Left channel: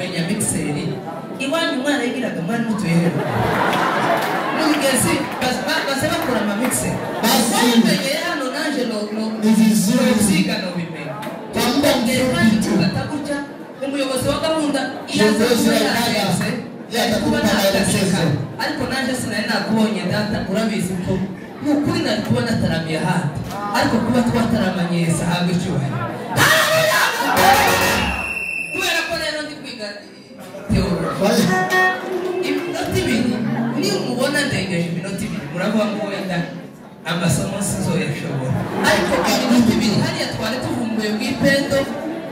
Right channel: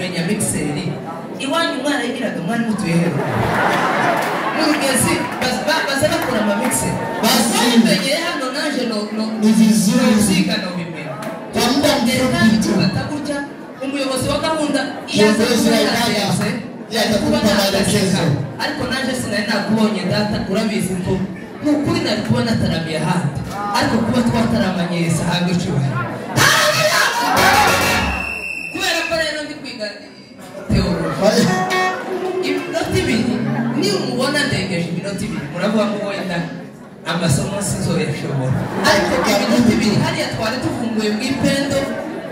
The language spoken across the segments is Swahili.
kumenya mixeri iwanyu umwana yigiraga umwana mutuyeho mugezi baza bakora ama mixeri bamenye hano naje no ziga no bimenya tambongera kandi bataburya umuyobozi wa gahunda iyo yaje ariko naje sinari nakubonye data urabizi ko nukuri nari kubona taramiye handi ariko kuba twataramanye Yesu ahabwe icyubahiro kubera ko rero ndi kwiga teoloji iminota ibiri niba umubona ndengeje iminota ibiri muravuga ngo wenda amasomo sinzoyashobora ariko iminota ibiri hariya twari tuvumbuye mu ipendo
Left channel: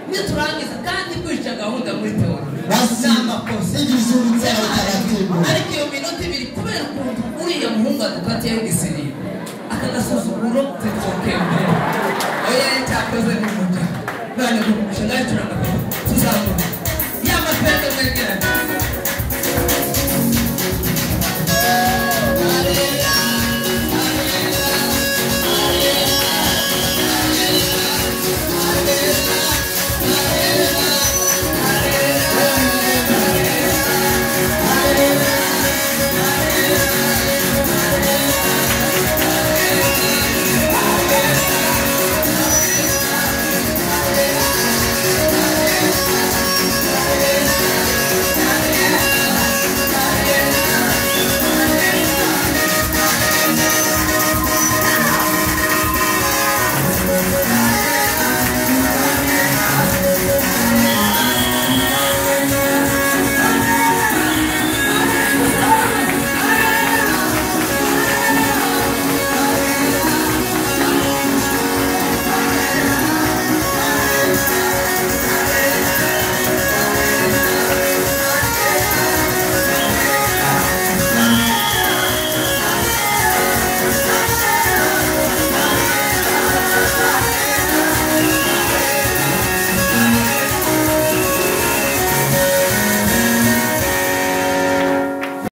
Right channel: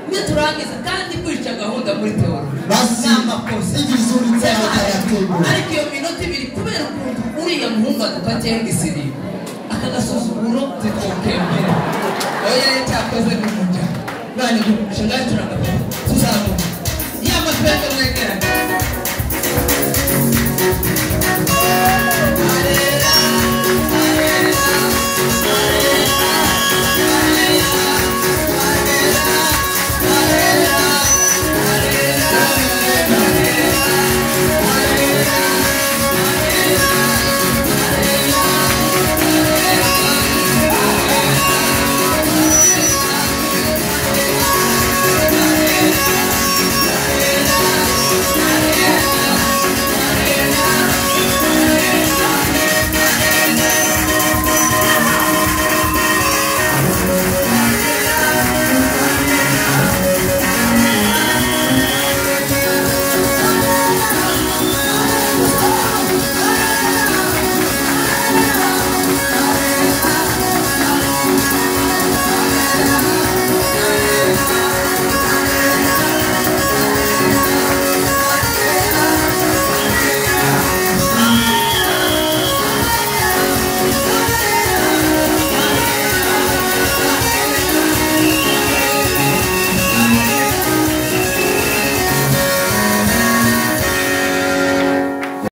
niyo turangiza kandi kwica gahunda muri teoloji n'amakosa ariko iyo minota ibiri kubera ukuntu uriya muhungu adufatiyeho igisirimu akagasuzuguro zitwoke